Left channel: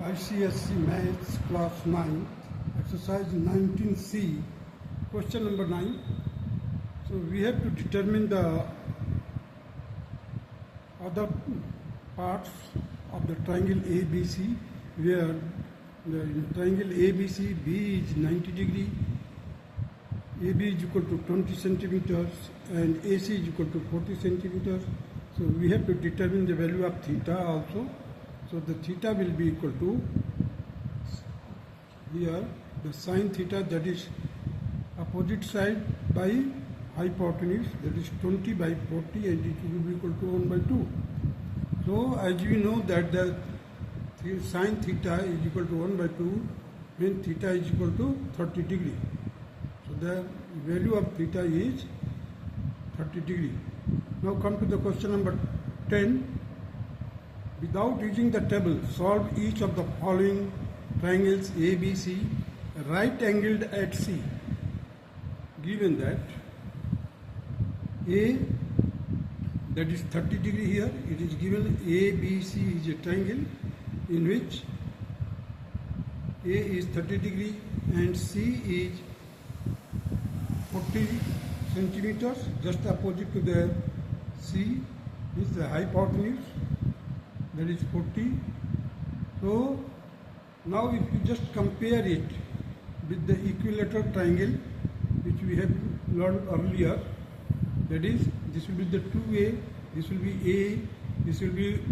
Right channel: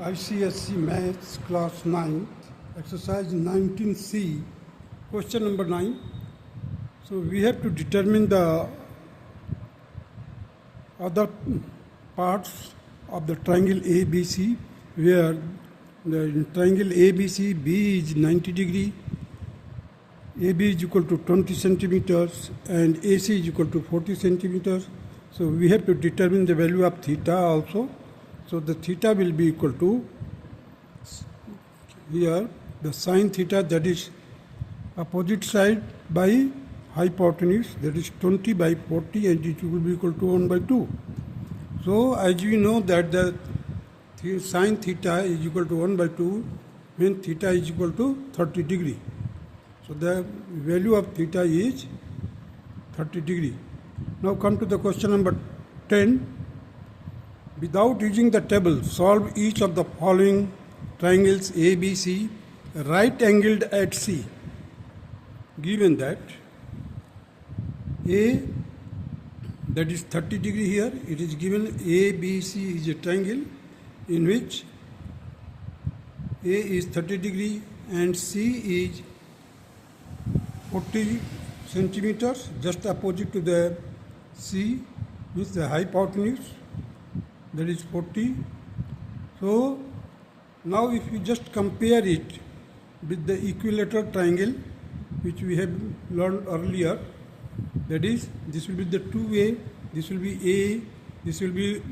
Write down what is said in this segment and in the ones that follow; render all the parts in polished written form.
ICSE Maths Class 9, Exercise 19C, question number 9. So we have to determine the other parts of the triangle ABC, where the triangle ABC, B is 90 degree, AB is equal to 20 centimeters and AC is equal to 40 centimeters. So we have to determine the value of theta also. So the theta will be equal to, here the sine theta, that is opposite side by hypotenuse, that is 20 by 40, and it will be equal to 1 by 2. So as we know that the sine theta is equal to 1 by 2 when theta is equal to 30 degree. So the value of theta is 30 degree. Now come to the question number 10. Without using the table, solve each of the following triangles ABC right angled at C. Given that A, that is 30 degree here, it is given ABC is a triangle in which A is 30 degree and C is 40 centimeters, just opposite to the C is the hypotenuse, that is 40. So now if you just compare it with the equilateral triangle which we have learned earlier, that is, this will be the 2A, this will be A, this will be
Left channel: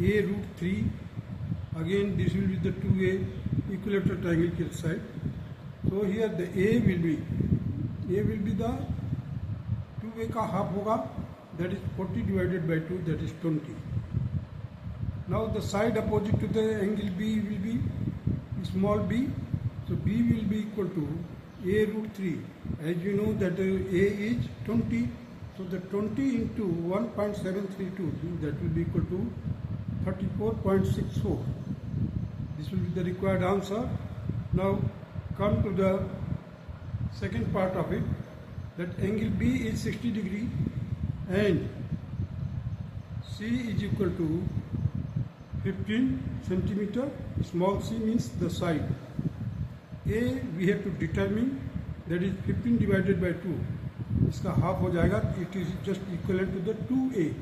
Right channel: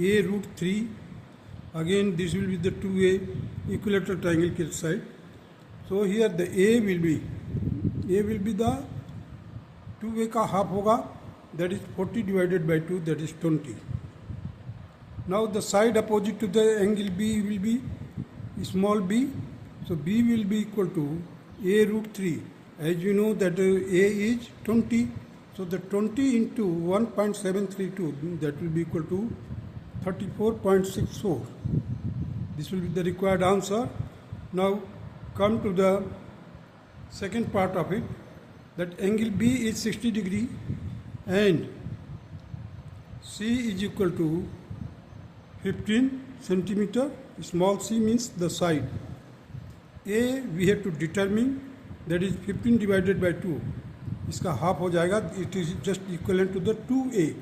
A root 3, again this will be the 2A equilateral triangle side. So here the A will be the 2A का half होगा, that is 40 divided by 2, that is 20. Now the side opposite to the angle B will be small b, so B will be equal to A root 3. As you know that A is 20, so the 20 into 1.732, that will be equal to 34.64. This will be the required answer. Now come to the second part of it, that angle B is 60 degree and C is equal to 15 centimeter. Small c means the side. A we have to determine, that is 15 divided by 2. इसका half हो जाएगा, it is just equivalent to the 2A.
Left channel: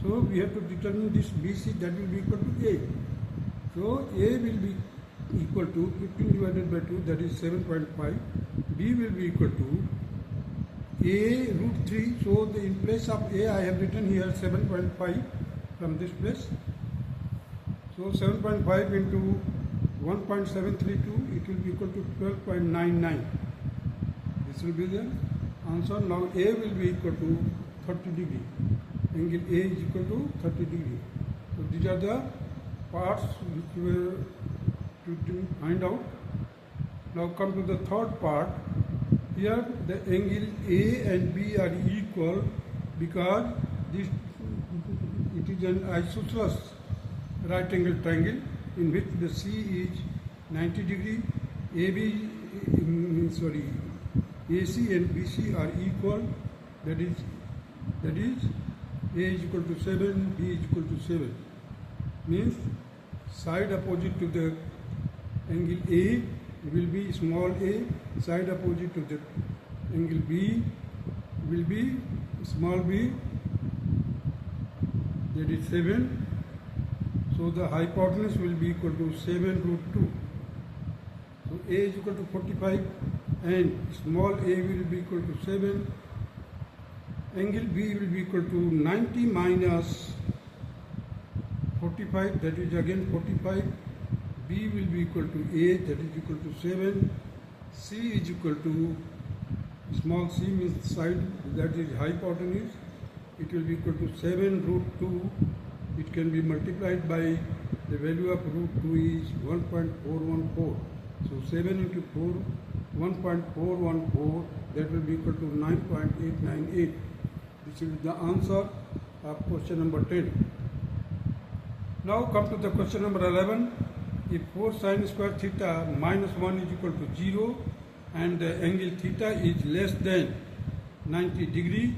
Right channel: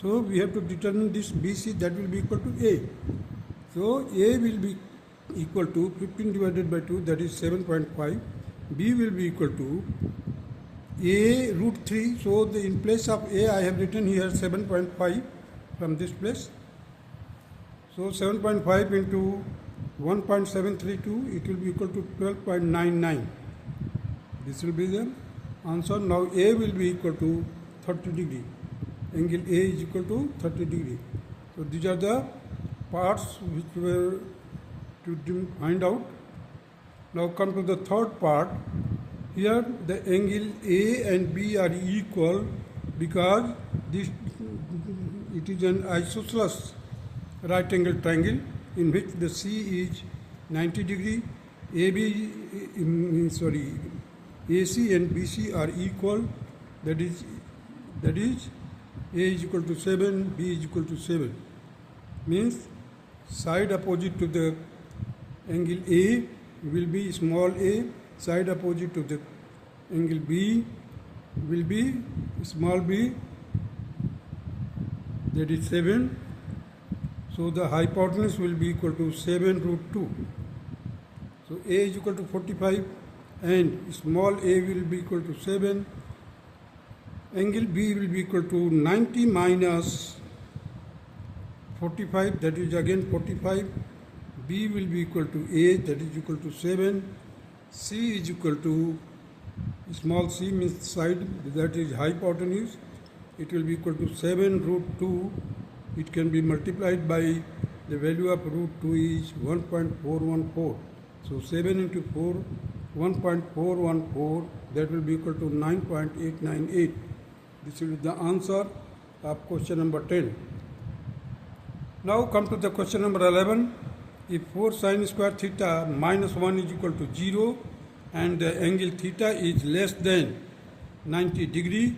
So we have to determine this BC, that will be equal to A. So A will be equal to 15 divided by 2, that is 7.5. B will be equal to A root 3. So in place of A I have written here 7.5 from this place. So 7.5 into 1.732, it will be equal to 12.99. This will be the answer. Now A will be equal to 30 degree. Angle A is equal to 30 degree. So these are the parts which were to find out. Now come to the third part. Here the angle A and B are equal because it is an isosceles right angle triangle in which the C is 90 degree, AC and BC are equal, that is A is equal to 7, B is equal to 7. Means side opposite to the angle A will be small a, side opposite to the angle B will be small b, that is 7. So the hypotenuse will be equal to 7 root 2. So A is equal to 45 and small a will be equal to 7. Angle B will be equal to 90 minus 45, that is again 45. B will be equal to A, that is equal to 7. C is equal to small c means side, that is hypotenuse. It will be equal to 7 root 2. It can be multiplied by the value of root 2 is 1.414. So 7 into 4, 1.414, that will be equal to 9.898. This is the answer of question number 10. Now come to the question number 11. If 4 sine square theta minus 1 is equal to 0 and the angle theta is less than 90 degree,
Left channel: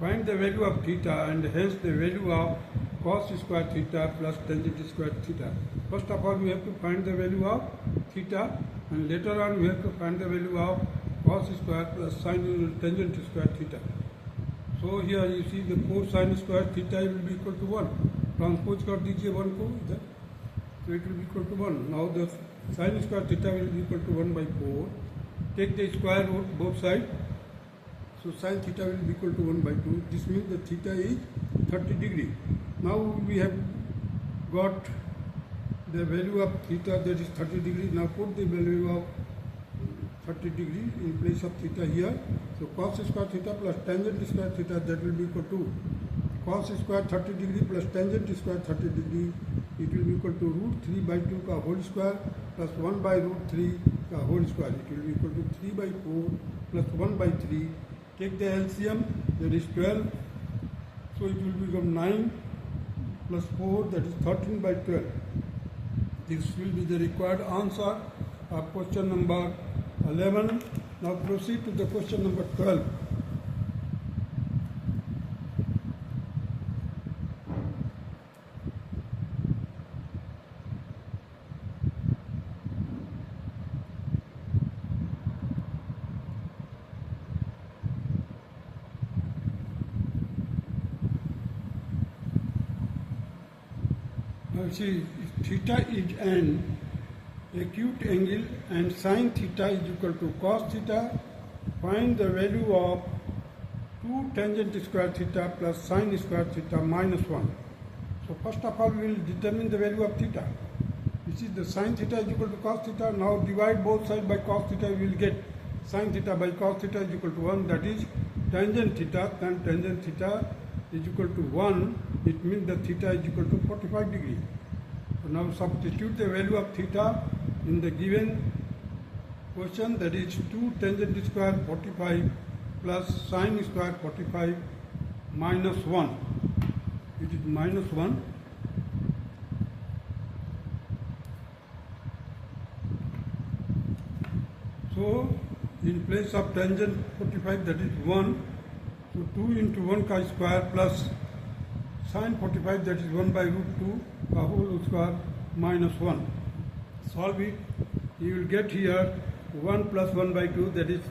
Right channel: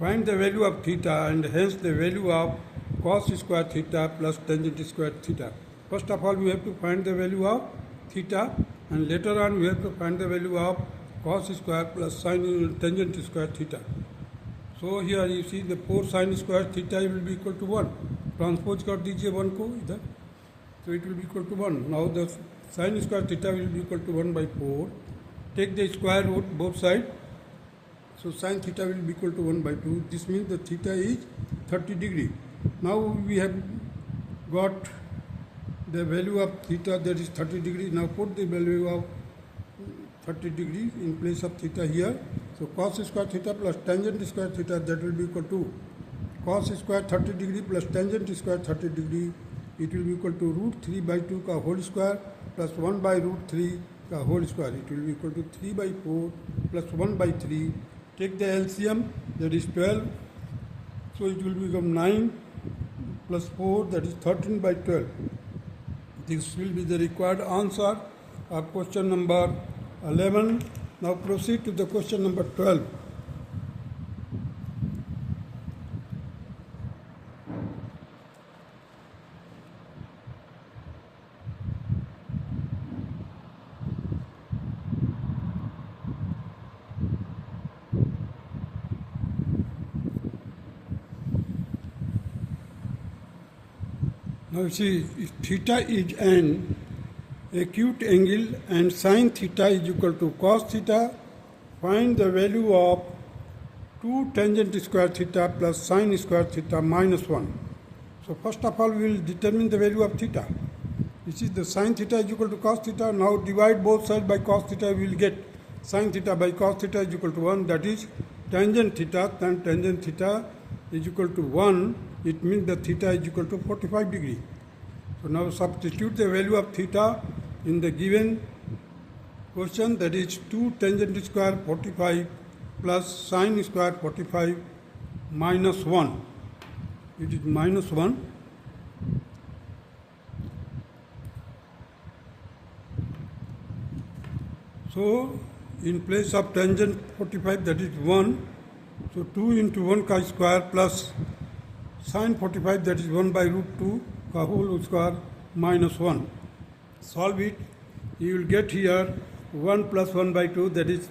find the value of theta and hence the value of cos square theta plus tangent square theta. First of all, we have to find the value of theta, and later on we have to find the value of cos square plus sin tangent square theta. So here you see the 4 sin square theta will be equal to 1. Transpose कर दीजिए 1 को इधर, so it will be equal to 1. Now the sin square theta will be equal to 1 by 4. Take the square root both sides. So sin theta will be equal to 1 by 2. This means the theta is 30 degree. Now we have got the value of theta, that is 30 degree. Now put the value of 30 degree in place of theta here. So cos square theta plus tangent square theta, that will be equal to cos square 30 degree plus tangent square 30 degree. It will be equal to root 3 by 2 का whole square plus 1 by root 3 का whole square. It will be equal to 3 by 4 plus 1 by 3. Take the LCM, that is 12. So it will become 9 plus 4, that is 13 by 12. This will be the required answer of question number 11. Now proceed to the question number 12. Now see, if theta is an acute angle and sin theta is equal to cos theta, find the value of 2 tangent square theta plus sin square theta minus 1. So first of all, we will determine the value of theta. This is the sin theta is equal to cos theta. Now divide both sides by cos theta, we will get sin theta by cos theta is equal to 1. That is tangent theta, then tangent theta is equal to 1. It means the theta is equal to 45 degree. So now substitute the value of theta in the given question, that is 2 tangent square 45 plus sin square 45 minus 1. It is minus 1. So in place of tangent 45, that is 1. So 2 into 1 ka square plus sin 45, that is 1 by root 2 ka whole square minus 1. Solve it. You will get here 1 plus 1 by 2, that is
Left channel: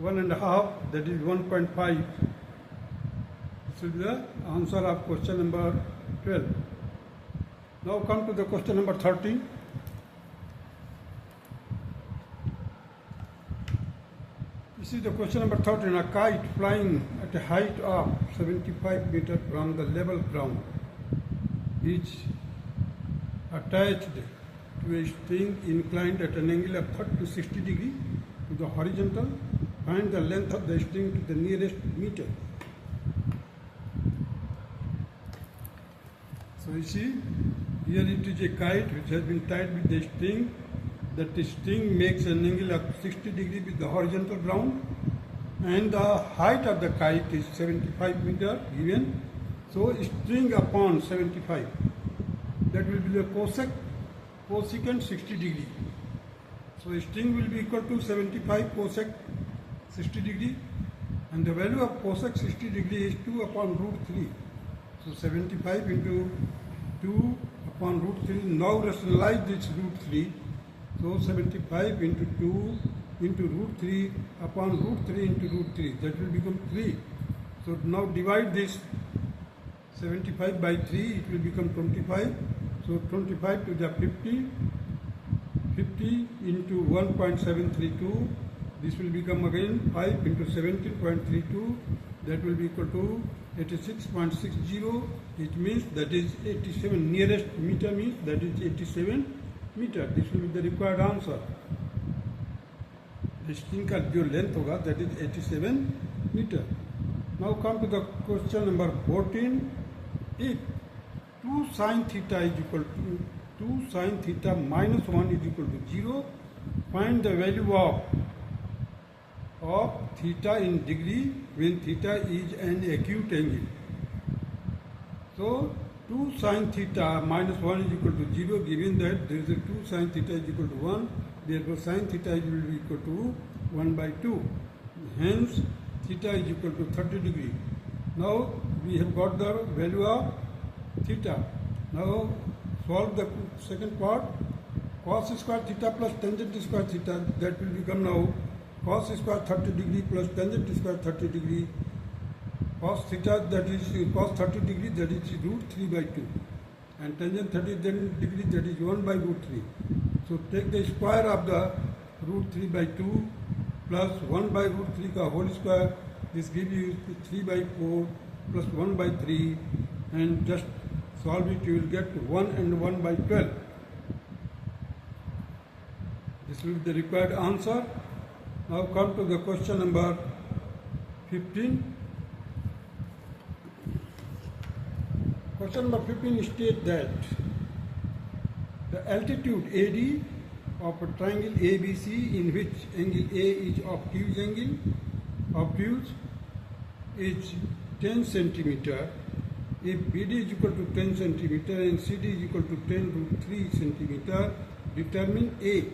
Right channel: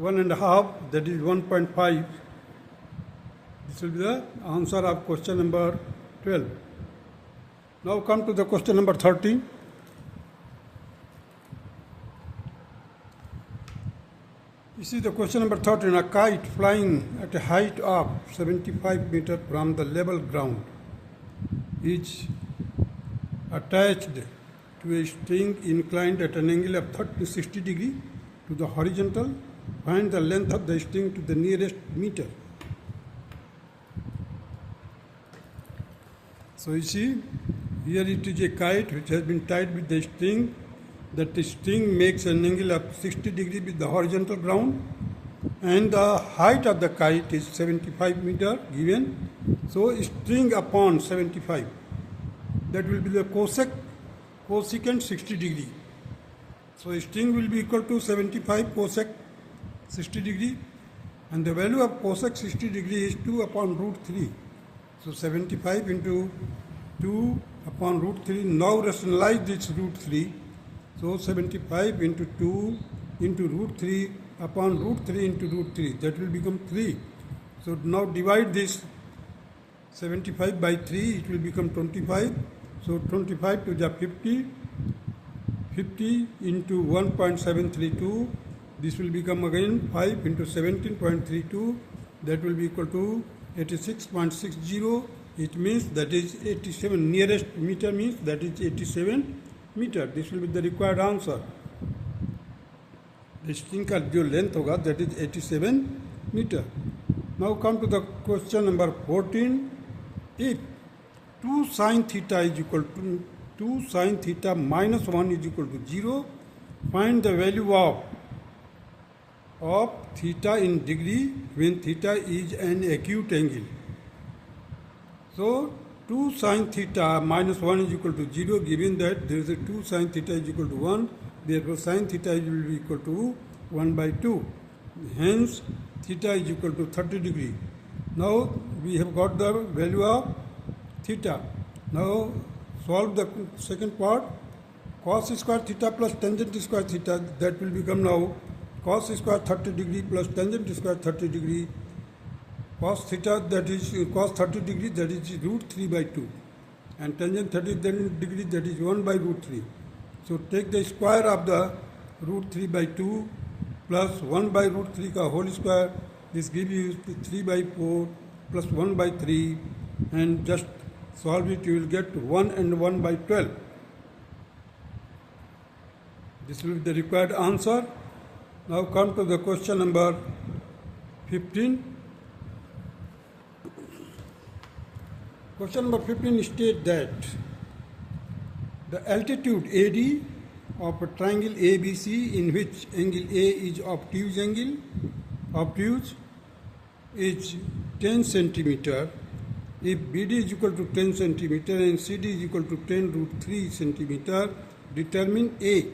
1.5, that is 1.5. This will be the answer of question number 12. Now come to the question number 13. This is the question number 13. A kite flying at a height of 75 meters from the level ground is attached to a string inclined at an angle of 30 to 60 degree to the horizontal. Find the length of the string to the nearest meter. So you see, here it is a kite which has been tied with the string. That the string makes an angle of 60 degree with the horizontal ground, and the height of the kite is 75 meter given. So string upon 75, that will be the cosecant 60 degree. So string will be equal to 75 cosec 60 degree, and the value of cosec 60 degree is 2 upon root 3. So 75 into 2 upon root 3. Now rationalize this root 3. So 75 into 2 into root 3 upon root 3 into root 3. That will become 3. So now divide this 75 by 3. It will become 25. So 25 to the 50. 50 into 1.732. This will become again 5 into 17.32. That will be equal to 86.60. It means that is 87. Nearest meter means that is 87 meter. This will be the required answer. The string का जो length होगा, that is 87 meter. Now come to the question number 14. If 2 sin theta is equal to 2 sin theta minus 1 is equal to 0, find the value of theta in degree when theta is an acute angle. So 2 sin theta minus 1 is equal to 0, given that there is a 2 sin theta is equal to 1, therefore sin theta will be equal to 1 by 2. Hence theta is equal to 30 degree. Now we have got the value of theta. Now solve the second part. Cos square theta plus tangent square theta, that will become now cos square 30 degree plus tangent square 30 degree. Cos theta, that is cos 30 degree, that is root 3 by 2. And tangent 30 degree, that is 1 by root 3. So take the square of the root 3 by 2 plus 1 by root 3 ka whole square. This gives you 3 by 4 plus 1 by 3, and just solve it, you will get 1 and 1 by 12. This will be the required answer. Now come to the question number 15. Question number 15 states that the altitude AD of a triangle ABC in which angle A is obtuse is 10 centimeter. If BD is equal to 10 centimeter and CD is equal to 10 root 3 centimeter, determine A.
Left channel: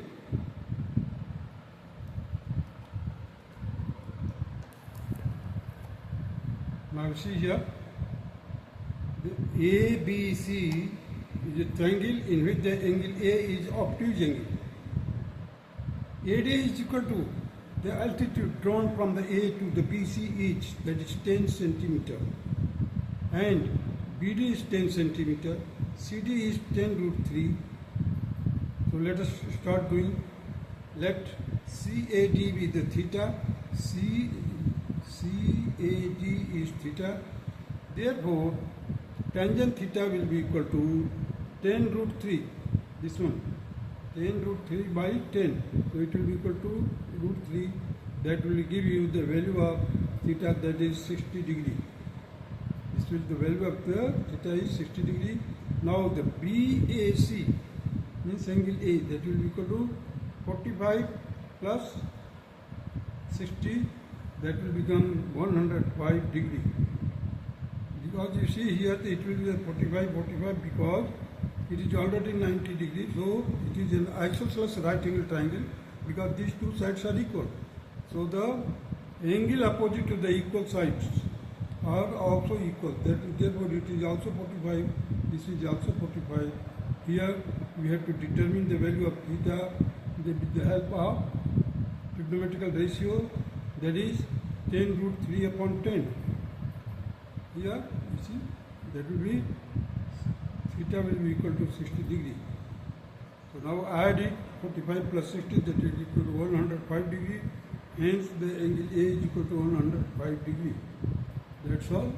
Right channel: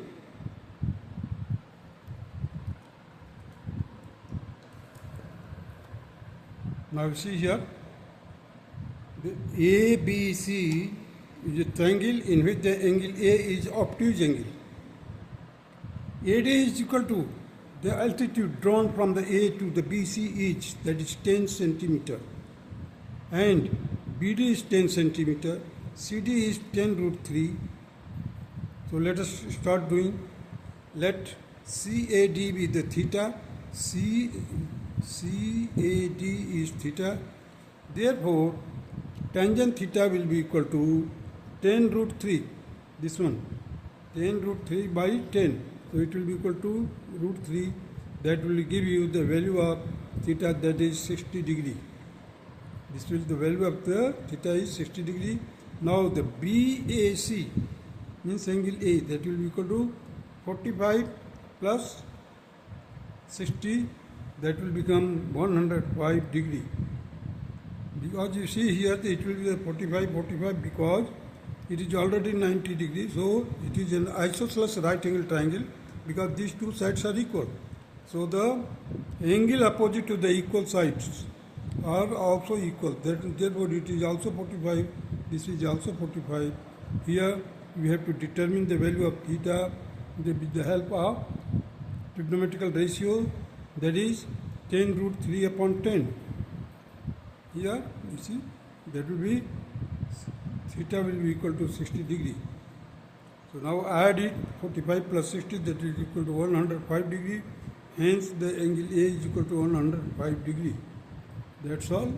Now see here, the ABC is a triangle in which the angle A is obtuse angle. AD is equal to the altitude drawn from the A to the BC each, that is 10 centimeter, and BD is 10 centimeter, CD is 10 root 3. So let us start doing. Let CAD be the theta. CAD is theta. Therefore, tangent theta will be equal to 10 root 3. This one, 10 root 3 by 10. So it will be equal to root 3. That will give you the value of theta, that is 60 degree. This will the value of the theta is 60 degree. Now the BAC means angle A, that will be equal to 45 plus 60, that will become 105 degree. Because you see here it will be 45 because it is already 90 degrees, so it is an isosceles right angle triangle because these two sides are equal. So the angle opposite to the equal sides are also equal. Therefore it is also 45, this is also 45. Here we have to determine the value of theta with the help of trigonometrical ratio, that is 10 root 3 upon 10. Here you see that will be theta will be equal to 60 degree. So now add it, 45 plus 60, that is equal to 105 degree. Hence the angle A is equal to 105 degree. That's all.